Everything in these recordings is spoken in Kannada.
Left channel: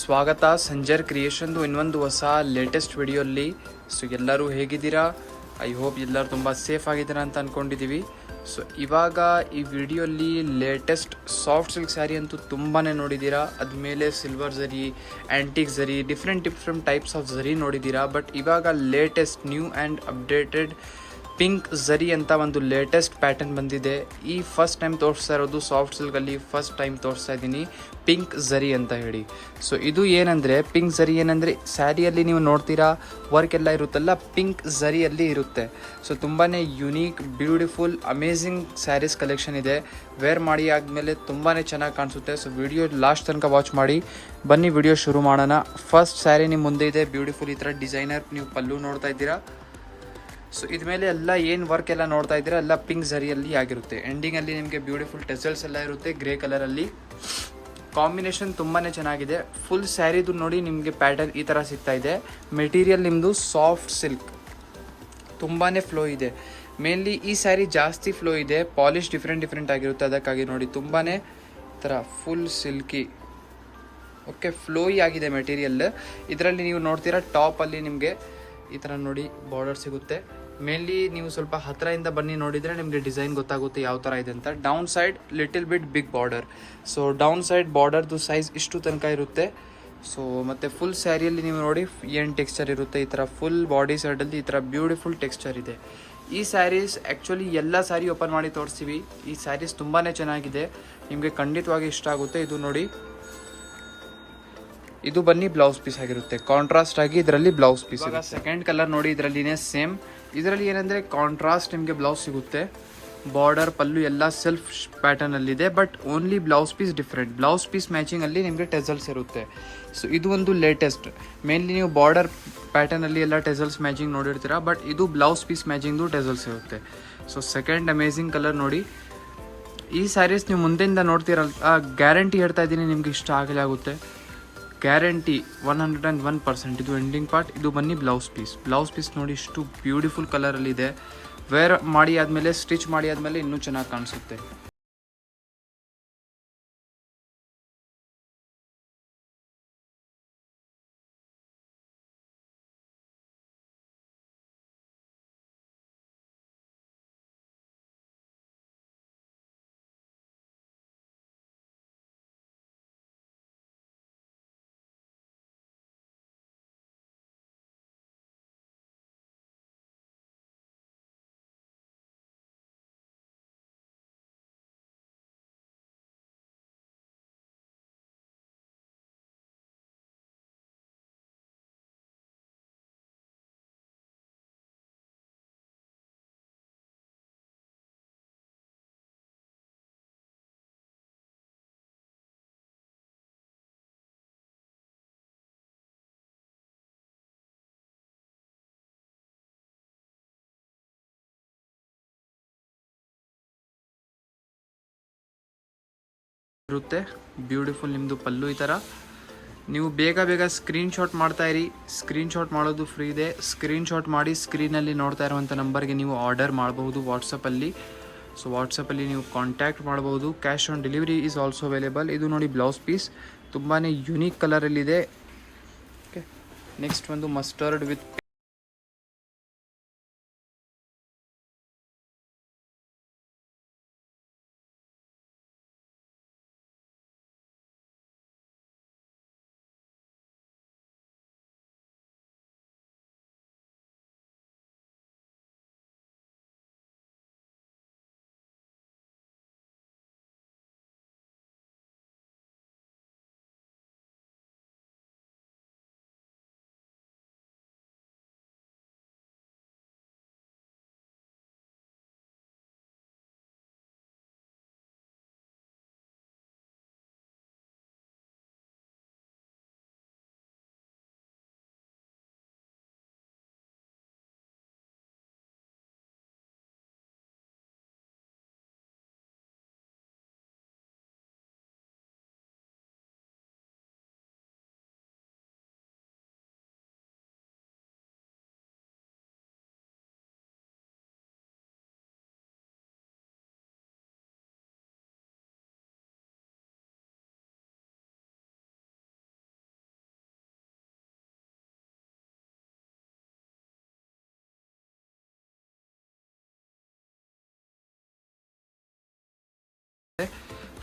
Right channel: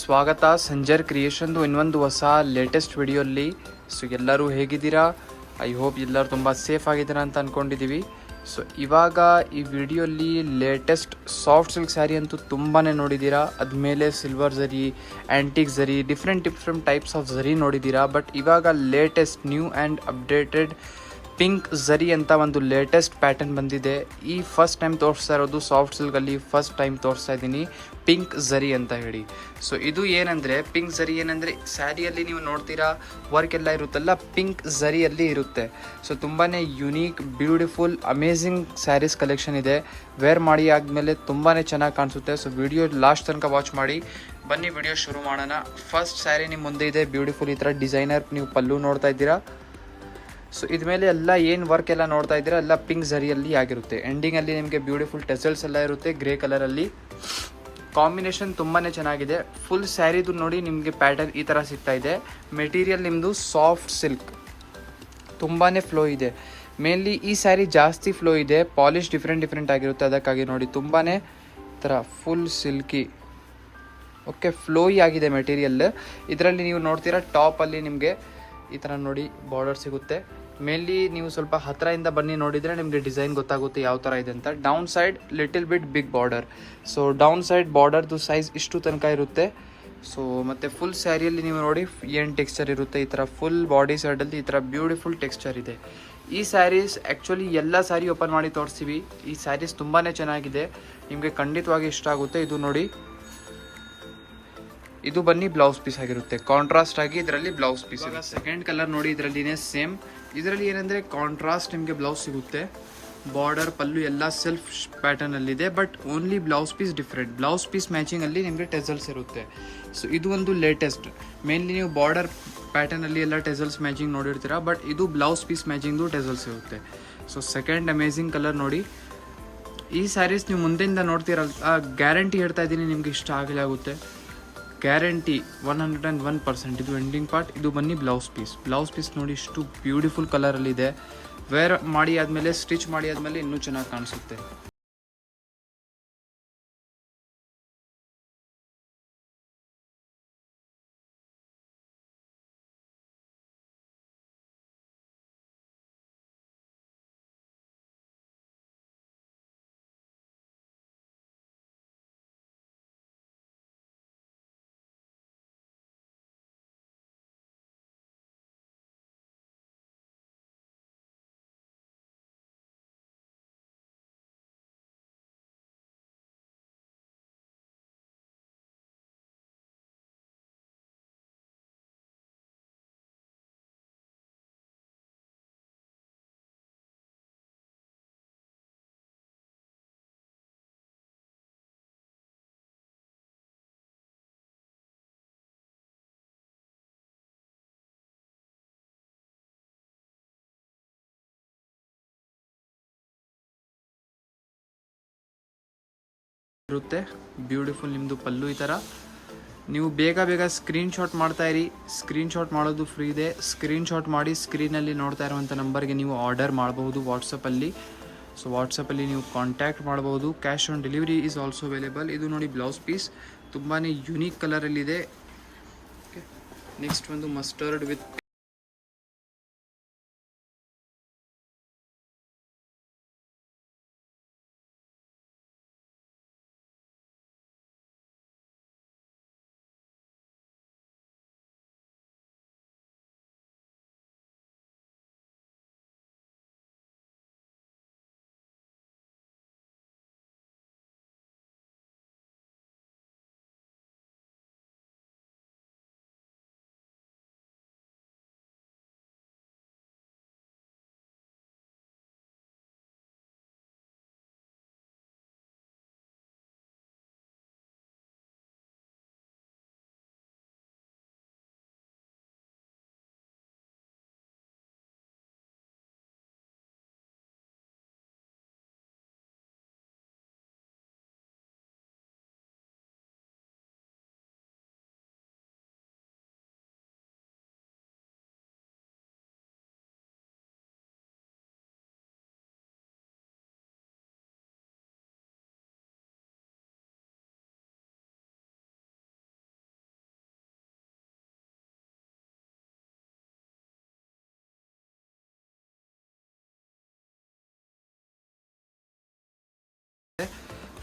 ಸ್ವಾಗತ ಸಂಜರ್ ಕ್ರಿಯೇಷನ್ದು ಇನ್ನೊಂದು ಹೊಸ ಲೇಟೆಸ್ಟ್ ವಿಡಿಯೋಲ್ಲಿ. ಸೊ ಎಲ್ಲರೂ ಹೇಗಿದ್ದೀರಾ? ಐ ಹೋಪ್ ಎಲ್ಲರೂ ತುಂಬ ಸೇಫ್ ಆಗಿದ್ದೀರಾ ಅಂತ ಅಂದ್ಕೊಂಡಿದ್ದೀವಿ. ಸೊ ಇವಾಗ ಈ ವಿಡಿಯೋಲ್ಲಿ ಲೇಟೆಸ್ಟ್ ಸಾಫ್ಟ್ ಸಿಲ್ಕ್ ಸ್ಯಾರಿ ಅಂತೂ ತುಂಬಾ ನೋಡಿದ್ದೀರಾ. ಅದ್ಮೇಲೆ silver zari, antique zari, different types of zari ನೋಡಿದ್ದೀರಾ. ಬಟ್ ಇವಾಗ latest new and updated pink zari ಅಂತ ಒಂದು ಲೇಟೆಸ್ಟ್ ಪ್ಯಾಟರ್ನ್ ಬಂದಿದೆ. ಈ ಫಸ್ಟ್ ಟೈಮ್ ತೋರಿಸ್ತಾ ಇರೋದು ಸಾಫ್ಟ್ ಸಿಲ್ಕಲ್ಲಿ, ಫಸ್ಟ್ ಟೈಮ್ ತೋರಿಸ್ತಾ ಇದ್ದೀನಿ ಪಿಂಕ್ ಝರಿ ಅಂತ ಹೇಳಿ. ಸೊ ಇದು ಏನಂದರೆ, ಪಿಂಕ್ ಝರಿ ಏನಂದರೆ ಸ್ಯಾರಿಯಲ್ಲಿ ನೀವು ನೋಡ್ತೀರಾ ವರ್ಕ್ ಎಲ್ಲ ಇರುತ್ತಲ್ಲ, ಪಿಂಕ್ ಝರಿಯಲ್ಲಿ ಇರುತ್ತೆ. ಸೊ ತುಂಬಾ unique, beautiful, amazing saris collection ಇದೆ. ವೇರ್ ಮಾಡಿ ಆದಮೇಲೆ ತುಂಬಾ ಚೆನ್ನಾಗಿ ಕಾಣಿಸುತ್ತೆ. ಸೊ ವಿಡಿಯೋ ಲಾಸ್ಟ್ ತನಕ ವಾಚ್ ಮಾಡಿ. ಬನ್ನಿ ವಿಡಿಯೋ ಶುರು ಮಾಡೋಣ. ಫಸ್ಟ್ ಸ್ಯಾರಿ ನಿಮ್ಮ ಮುಂದೆ ಇದೆ, ಬ್ಯೂಟಿಫುಲ್ ಈ ಥರ ಡಿಸೈನರ್ ನೀವು ಪಲ್ಲು ನೋಡ್ತಾ ಇದ್ದೀರಾ. ಸೊ ಇದ್ಮೇಲೆ ಎಲ್ಲ ಏನು ವರ್ಕ್ ಎಲ್ಲ ನೋಡ್ತಾ ಇದ್ದೀರಾ ಎಲ್ಲ ಪಿಂಕ್ ಝರಿಯಲ್ಲಿ ಆಗಿರುತ್ತೆ. ಎಂಡಿಂಗಲ್ಲಿ ನಿಮಗೆ ಬ್ಯೂಟಿಫುಲ್ ಟೆಸಲ್ಸ್ ಎಲ್ಲ ಇರುತ್ತೆ ಗ್ರೇ ಕಲರಲ್ಲಿ. ಕಾಂಬಿನೇಷನ್ ತುಂಬಾ ಚೆನ್ನಾಗಿದೆ. ಫುಲ್ ಸ್ಯಾರಿದು ನೋಡಿ ನಿಮಗೆ ಪ್ಯಾಟರ್ನ್ ಈ ಥರ ಸಿಗ್ತಾ ಇದೆ. ಮೆಟೀರಿಯಲ್ ನಿಮ್ಮದು ಸಾಫ್ಟ್ ಸಿಲ್ಕ್, ತುಂಬಾ ಫ್ಲೋ ಇದೆ. ಮೇನ್ಲಿ ಈ ಸ್ಯಾರಿ ಜಾಸ್ತಿ ಫ್ಲೋ ಇದೆ, ಪಾಲಿಶ್ ಡಿಫ್ರೆಂಟ್ ಆಗಿರುತ್ತೆ. ಅದಕ್ಕಾಗಿ ನೋಡಿ ತುಂಬಾ ಥರ ಫುಲ್ ಸಿಲ್ಕಿ, ಓಕೆ, ಫ್ಲೋಯಿ ಆಗಿದೆ ಮೆಟೀರಿಯಲ್. ಇದರಲ್ಲಿ ನೀವು ನೋಡ್ತೀರಾ ಟಾಪಲ್ಲಿ ನಿಮಗೆ ಈ ಥರ ನೋಡಿ ಬಾರ್ಡರ್ ಸಿಗುತ್ತೆ. ಮೇನ್ಲಿ ನೀವು ಸ್ವಲ್ಪ ಹತ್ತಿರದಿಂದ ಬನ್ನಿ ನೋಡಿದರೆ ನಿಮಗೆ ಡಿಸೈನ್ ಗೊತ್ತಾಗುತ್ತೆ ಯಾವ ಥರ ಇದೆ ಅಂತ. Down side little bit big border. So down side ಬಾರ್ಡರ್ದು ಸೈಜ್ ಇಷ್ಟು ತನಕ ಇರುತ್ತೆ. ಸೊ ಮತ್ತು ಫುಲ್ ಸ್ಯಾರಿಯಲ್ಲಿ ನೀವು ನೋಡಿ ಏನು ಟೆಕ್ಸ್ಚರ್ ಇರುತ್ತೆ. ಈ ಥರ ಫುಲ್ ಬಾಡಿ ಸೈಡಲ್ಲಿ ಈ ಥರ ಬ್ಯೂಟಿಫುಲ್ ಟೆಕ್ಸ್ಚರ್ ಇದೆ. ಈ ಸ್ಯಾರೀಸ್ ಆ್ಯಕ್ಚುಲಿ ಎಲ್ಲ ಸ್ಯಾರಿ ಓಪನ್ ಮಾಡಿ ತೋರಿಸ್ತೀವಿ. ಈ ಸ್ಯಾರೀಸ್ ತುಂಬಾ ಚೆನ್ನಾಗಿದೆ, ನಿಮಗೆ ಖಂಡಿತವಾಗಿ ಇಷ್ಟ ಆಗುತ್ತೆ. ಇದು ನೋಡಿ, ಇದು ಬನ್ನಿ ಬ್ಲೌಸ್ ಪೀಸ್ ಆಗಿರುತ್ತೆ. ಕಾಂಟ್ರಾಸ್ಟ್ ಆಗಿ ಇದರಲ್ಲಿ ಬ್ಲೌಸ್ ಪೀಸ್. ಸೆಕೆಂಡ್ ಕಲರ್ ನೋಡಿ, ಇದರಲ್ಲಿನೇ ಸೇಮ್. ಇದರಲ್ಲಿ ಏನಂದರೆ ಕಾಂಟ್ರಾಸ್ಟ್ ನಿಮಗೆ ಬ್ಲೌಸ್ ಸಿಗುತ್ತೆ. ಬಾರ್ಡರ್ ಪಲ್ಲು ಎಲ್ಲ ಸೆಲ್ಫ್ ಪ್ಯಾಟರ್ನ್ ಅಲ್ಲಿ ಇದೆ. But only blouse piece different. Blouse piece matching ಅಲ್ಲಿ ನಿಮಗೆ ಟೆಸಲ್ಸ್ ಇರುತ್ತೆ. ಸೊ ಇದು ಒಂದು ಲೇಟೆಸ್ಟ್. ಮೇನ್ಲಿ ನೀವು ಬಾರ್ಡರ್ ಪ್ಯಾಟರ್ನ್ ಅಲ್ಲಿ ಎಲ್ಲ ಟೆಸಲ್ಸ್ ಮ್ಯಾಚಿಂಗ್ ನೋಡಿರ್ತೀರಾ, ಬಟ್ ಇದು ಬ್ಲೌಸ್ ಪೀಸ್ ಮ್ಯಾಚಿಂಗ್ದು ಟೆಸಲ್ಸ್ ಇರುತ್ತೆ. ಸೊ ಸೆಕೆಂಡ್ ಅಮೇಝಿಂಗ್ ಕಲರ್ ನೋಡಿ. ಈ ಸ್ಯಾರೀಸ್ ನೀವು ಮುಂದೆಯಿಂದ ನೋಡ್ತೀರಲ್ಲ, ಗ್ಯಾರಂಟಿ ಹೇಳ್ತಾ ಇದ್ದೀನಿ ನಿಮ್ಗೆ ಇಷ್ಟ ಆಗಲೇ ಆಗುತ್ತೆ. ಗ್ಯಾರಂಟಿ 101%. ಇದು ಎಂಡಿಂಗ್ ಪಾರ್ಟ್. ಇದು ಬನ್ನಿ ಬ್ಲೌಸ್ ಪೀಸ್. ಬ್ಲೌಸ್ ಪೀಸ್ ನೋಡಿ ಇಷ್ಟು ಬ್ಯೂಟಿಫುಲ್ ಕಲರಲ್ಲಿ ಇದೆ. ವೇರ್ ಮಾಡಿ ಆದಮೇಲೆ, ಸ್ಟಿಚ್ ಮಾಡಿ ಆದಮೇಲೆ ಇನ್ನೂ ಚೆನ್ನಾಗಿ ಕಾಣಿಸುತ್ತೆ. ಇರುತ್ತೆ ಬ್ಯೂಟಿಫುಲ್ ನಿಮ್ಮದು ಪಲ್ಲು ಈ ಥರ. ನೀವು ಬೇಗ ಸ್ಕ್ರೀನ್ ಶಾಟ್ ಮಾಡ್ತಾ ಇರಿ. ಸ್ಕ್ರೀನ್ ಶಾಟ್ ಮಾಡೋದು ಫ್ರೀ ಇದೆ. ಸ್ಕ್ರೀನ್ ಶಾಟ್ ಮಾಡಿ ಸ್ಕ್ರೀನಲ್ಲಿ ನೋಡ್ತಾ ಇರುವಂಥ ನಂಬರ್ಗೆ ನೀವು ಆರ್ಡರ್ ಮಾಡಬಹುದು ವಾಟ್ಸಪ್ಪಲ್ಲಿ. ಸೊ ವಾಟ್ಸಪ್ಪಲ್ಲಿ ನೀವು ಕಾಂಟ್ಯಾಕ್ಟ್ ಮಾಡಬಹುದು. Cash on delivery is also available. ಇದು ನೋಡಿ ಬ್ಲೌಸ್ ಪೀಸ್ ತುಂಬಾ ಯುನೀಕ್ ಕಲರಲ್ಲಿದೆ. ಓಕೆ, ನೆಕ್ಸ್ಟ್ ಒಂದು ಮಸ್ಟರ್ಡ್ ವಿತ್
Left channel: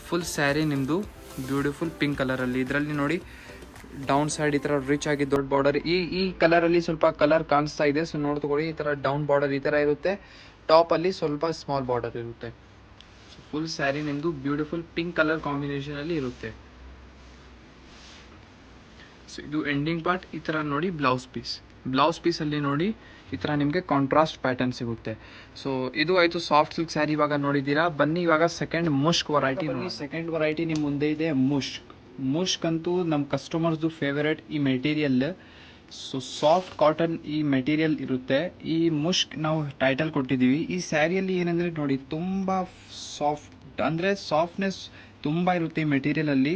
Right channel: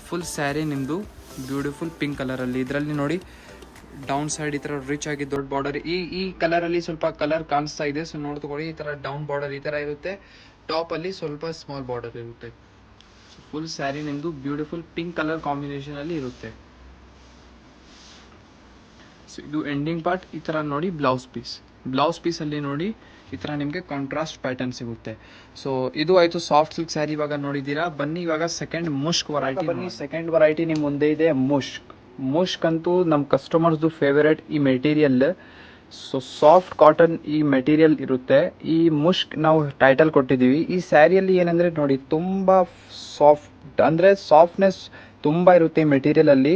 ಫುಲ್ ಸ್ಯಾರಿ ನಿಮ್ಮದು ಬ್ಯೂಟಿಫುಲ್ ಪಿಂಕ್ ಕಲರಲ್ಲಿ. ಇದರಲ್ಲಿ ನೋಡಿ ಡೌನ್ ಸೈಡ್ ಈ ಥರ ರಿಚ್ ಆಗಿ ದೊಡ್ಡ ಬಾರ್ಡರ್, ಈ ಕಲರಲ್ಲಿ ಸ್ವಲ್ಪ ಕಲರ್ ಕಾಣಿಸ್ತಾ ಇದೆ. ಸೊ ನೋಡಿ ತಗೊಳ್ಳಿ, ಈ ಥರ ಡೌನ್ ಬಾರ್ಡರ್ ಈ ಥರ ಇರುತ್ತೆ. ಟಾಪಲ್ಲಿ ಸ್ವಲ್ಪ ಸ್ಮಾಲ್ ಬಾರ್ಡರ್ ಇರುತ್ತೆ. ಸೊ ಫುಲ್ ಸ್ಯಾರಿ ನಿಮ್ಮದು ಬ್ಯೂಟಿಫುಲ್ ಪಿಂಕ್ ಕಲರ್ ಕಾಂಬಿನೇಷನಲ್ಲಿ ಇರುತ್ತೆ. ಸೊ ಇದು ಎಂಡಿಂಗ್ ಪಾರ್ಟ್. ಈ ಥರ ನೋಡಿ ಬ್ಲೌಸ್ ಪೀಸಲ್ಲಿ ನೋಡಿ ಈ ಥರ ನಿಮಗೆ ಕಾಂಟ್ರಾಸ್ಟ್ ಪ್ಯಾಟರ್ನ್ ಸಿಗುತ್ತೆ. ಸೊ ಇದು ಆಯಿತು ಸಾಫ್ಟ್ ಸಿಲ್ಕ್ ಸ್ಯಾರಿ ಇವಾಗ ನೋಡಿದ್ದೀರಾ. ಬನ್ನಿ ಇವಾಗ ಸೆಕೆಂಡ್ ಮುಷ್ಕ್ ವರೈಟಿ. ಸೆಕೆಂಡ್ ವರೈಟಿ ನಿಮ್ಮ ಮುಂದೆ ಇದೆ ಮುಷ್ಕ್ ಅಂತೂ ನಮ್ಮ ಕಸ್ಟಮರ್ಸ್ದು ಫೇವರೇಟ್ ಈ ಮೆಟೀರಿಯಲ್. ಸೊ ಸಾಫ್ಟ್ ಕಾಟನ್ ಈ ಮೆಟೀರಿಯಲ್ ಇರುತ್ತೆ. ಈ ಮುಷ್ಕ್ ನಾವು ಟೈಟಲ್ ಕೊಟ್ಟಿದ್ದೀವಿ. ಈ ಸ್ಯಾರಿಯಲ್ಲಿ ಏನಂದರೆ ನೋಡಿ ತುಂಬ ಸಾಫ್ಟ್ ಅಂದರೆ ಸಾಫ್ಟ್ನೆಸ್ ತುಂಬ ಇರುತ್ತೆ ಈ ಮೆಟೀರಿಯಲಲ್ಲಿ.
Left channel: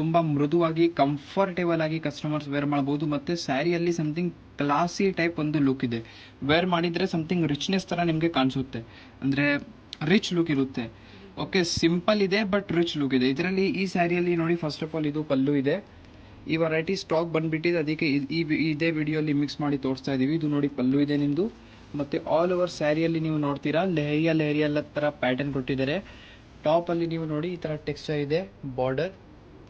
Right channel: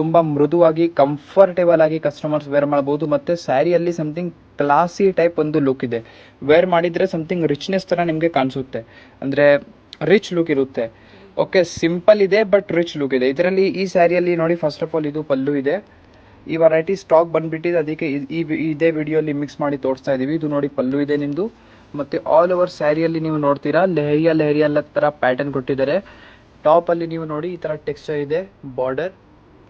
ತುಂಬ ಮೃದುವಾಗಿ ಕಂಫರ್ಟೇಬಲ್ ಆಗಿ ಕಸ್ಟಮರ್ಸ್ ವೇರ್ ಮಾಡ್ಬೋದು. ಮತ್ತು ಸ್ಯಾರಿಯಲ್ಲಿ ಸಮಥಿಂಗ್ ಕ್ಲಾಸಿ ಟೈಪ್ ಒಂದು ಲುಕ್ ಇದೆ. ವೇರ್ ಮಾಡಿದರೆ ಸಮಥಿಂಗ್ ರಿಚ್ನೆಸ್ ಥರ ನಿಮಗೆ ಕಾಣಿಸುತ್ತೆ, ಅಂದರೆ ರಿಚ್ ಲುಕ್ ಇರುತ್ತೆ. ಓಕೆ, ಸಿಂಪಲ್ ಇದೆ ಬಟ್ ರಿಚ್ ಲುಕ್ ಇದೆ ಇದರಲ್ಲಿ. ಈ ಸ್ಯಾರಿಯಲ್ಲಿ ನೋಡಿ ಫಸ್ಟ್ ಆಫ್ ಆಲ್ ಇದು ಪಲ್ಲು ಇದೆ. ಈ ವೆರೈಟಿ ಸ್ಟಾಕ್ ಬಂದುಬಿಟ್ಟಿದೆ, ಅದಕ್ಕೆ ಇದೇ ವಿಡಿಯೋಲಿ ಮಿಕ್ಸ್ ಮಾಡಿ ತೋರಿಸ್ತಾ ಇದ್ದೀವಿ. ಇದು ನೋಡಿ ಪಲ್ಲು ಇದೆ ನಿಮ್ಮದು. ಮತ್ತು ಆಲ್ ಓವರ್ ಸ್ಯಾರಿಯಲ್ಲಿ ನೀವು ನೋಡ್ತೀರಾ ಲೆಹರಿಯಾ ಥರ ಪ್ಯಾಟರ್ನ್ ಕೊಟ್ಟಿದ್ದಾರೆ. ಟಾಪಲ್ಲಿ ನೀವು ನೋಡಿ ಈ ಥರ ಟೆಕ್ಸ್ಚರ್ ಇದೆ, ಬಾರ್ಡರ್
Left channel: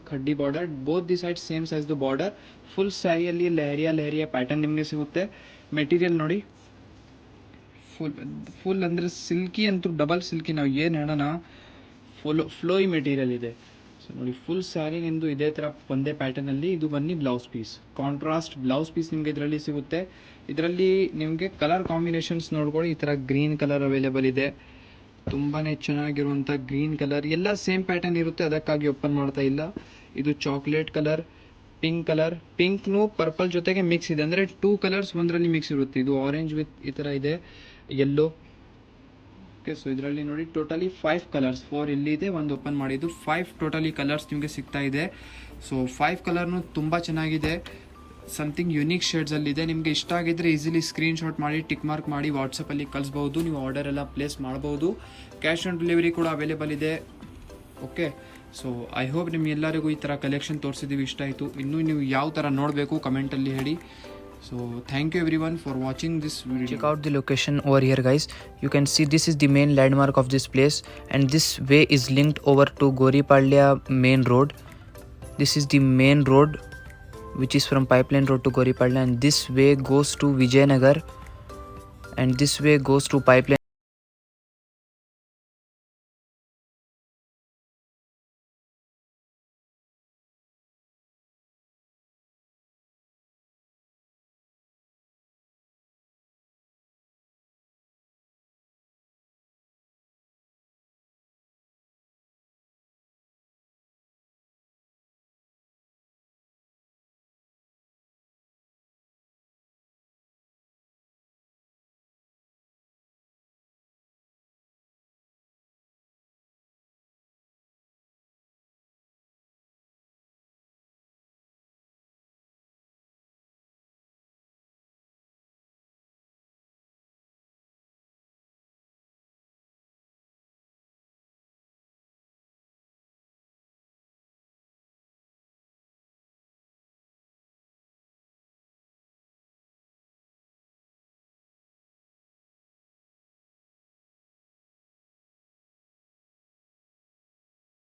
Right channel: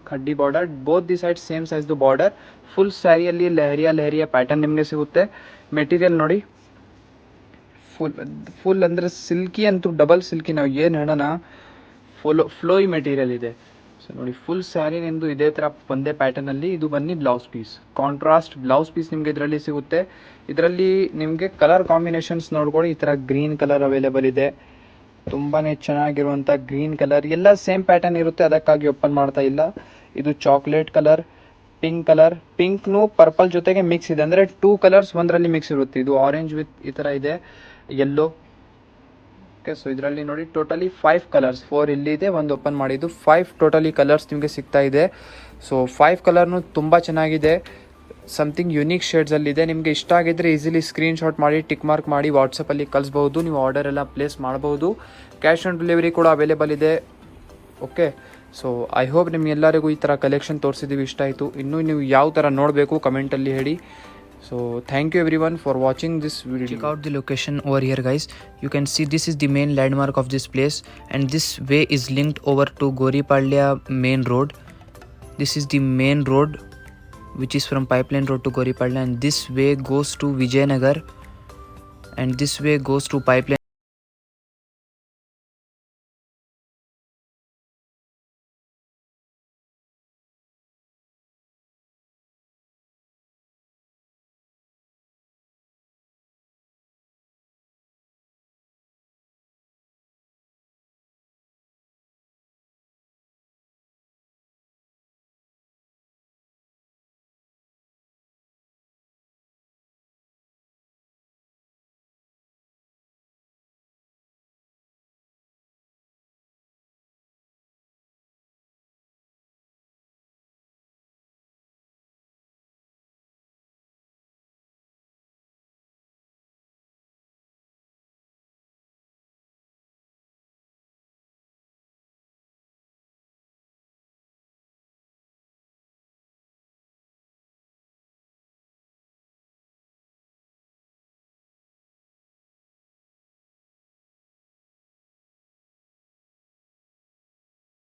ಕಡ್ಡಿ border, both the side same ಸೈಜ್ದು ಬಾರ್ಡರ್. ಫುಲ್ ಸ್ಯಾರಿಯಲ್ಲಿ ಲೆಹರಿಯಾ ಪ್ಯಾಟರ್ನ್ ನಿಮಗೆ ಸಿಗುತ್ತೆ. ಮೆಟೀರಿಯಲ್ ನೋಡಿ ಫುಲ್ ಅಂದರೆ ಸಿಲ್ಕಿ ಅಂತೂ ಡಬಲ್ ಸಿಲ್ಕಿ, ನಾವು ಏನು ಹೇಳೋಣ, ಫ್ಲೋಯಿ ಮೆಟೀರಿಯಲ್ ಇದೆ. ಸೊ ನೋಡಿ ಫುಲ್ ಸ್ಯಾರಿ ನಿಮ್ಮದು ಇದೇ ಥರ ಒಂದೇ ಪ್ಯಾಟರ್ನಲ್ಲಿ. ಇದು ಬನ್ನಿ blouse piece, contrast blouse piece ನಿಮಗೆ ಇದರಲ್ಲಿ ಸಿಗುತ್ತೆ. ಇದರಲ್ಲಿ ನಿಮಗೆ ಕಲರ್ ಕಾಂಬಿನೇಷನ್ಸ್ ನೋಡ್ಕೊಳ್ಳಿ. ಈ ಥರ ಗ್ರೀನ್ ಕಲರ್ ಅವೈಲೇಬಲ್ ಇದೆ, ತುಂಬಾ ಚೆನ್ನಾಗಿರುವಂಥ ಗ್ರೀನ್ ಕಲರ್. ಎಲ್ಲ ಸೇಮ್ ಪ್ಯಾಟರ್ನ್ ಇರುತ್ತೆ, ಅದಕ್ಕಾಗಿ ಓಪನ್ ಮಾಡ್ತಾ ಇಲ್ಲ. ಇದು ಚಾಕ್ಲೇಟ್ ಕಲರ್, ಪಿಂಕ್ನು ಪರ್ಪಲ್ ಜೊತೆಗೆ ಮಿಕ್ಸ್ ಇದೆ, ಅಂದರೆ 2 ಕಲರ್ಸ್ ಒಂದರಲ್ಲಿ ಮಿಕ್ಸ್ ಇರುತ್ತೆ. ಇದು ಆರೆಂಜ್ ವಿತ್ ಈ ಥರ ಇದೆ, ಯೆಲ್ಲೋ. ಓಕೆ, ಸೊ ಇದರಲ್ಲಿ ನೋಡಿ ಟೋಟಲಿ 5 ಕಲರ್ಸ್, 4 ಇಲ್ಲಿದೆ, ಒಂದು ಓಪನ್ ಮಾಡಿದ್ದು 5 ಟೋಟಲಿ ಕಲರ್ಸ್ ನಿಮಗೆ ಸಿಗ್ತಾ ಇದೆ. ಸೊ 5 ಕಲರ್ನು ತುಂಬ ಚೆನ್ನಾಗಿದೆ, ಸಮಥಿಂಗ್ ಯುನೀಕ್ ಶೇಡ್ಸಲ್ಲಿದೆ. ನಿಮಗೆ ಇಷ್ಟ ಆಗಿದ್ದರೆ ಈಸಿಲಿ ಸ್ಕ್ರೀನ್ಶಾಟ್ ಮಾಡಿ ಟಿಕ್ ಮಾರ್ಕ್ ಮಾಡಿ ವಾಟ್ಸಪ್ಪಲ್ಲಿ ಕಳಿಸ್ಬೋದು. ನೀವು ಆರ್ಡರ್ ಎಲ್ಲ ಪ್ಲೇಸ್ ಮಾಡ್ಬೋದು. ಕ್ಯಾಶ್ ಆನ್ ಡೆಲಿವರಿ ಕೂಡ ಅವೈಲೇಬಲ್ ಇದೆ. ಓಕೆ, ಸೊ ಐ ಹೋಪ್ ನಿಮ್ಗೆಲ್ಲರಿಗೂ ಈ ಥರ ಕಲೆಕ್ಷನ್ ತೋರಿಸಿದ್ದೀವಿ, ಇಷ್ಟ ಆಯಿತು. ಇನ್ನೂ ನೀವು ಯಾವ ಥರ ನೋಡಬೇಕು ಕಮೆಂಟಲ್ಲಿ ಹೇಳಿ. So thank you everyone for watching this video. Check out the location over here guys. You can see this is the main landmark of this place, and this way is linked over to Goripalya main road. This is the main road which is from Pipeline Road to Goripalya, and this way goes to Vijayanagar, and this way goes to Pipeline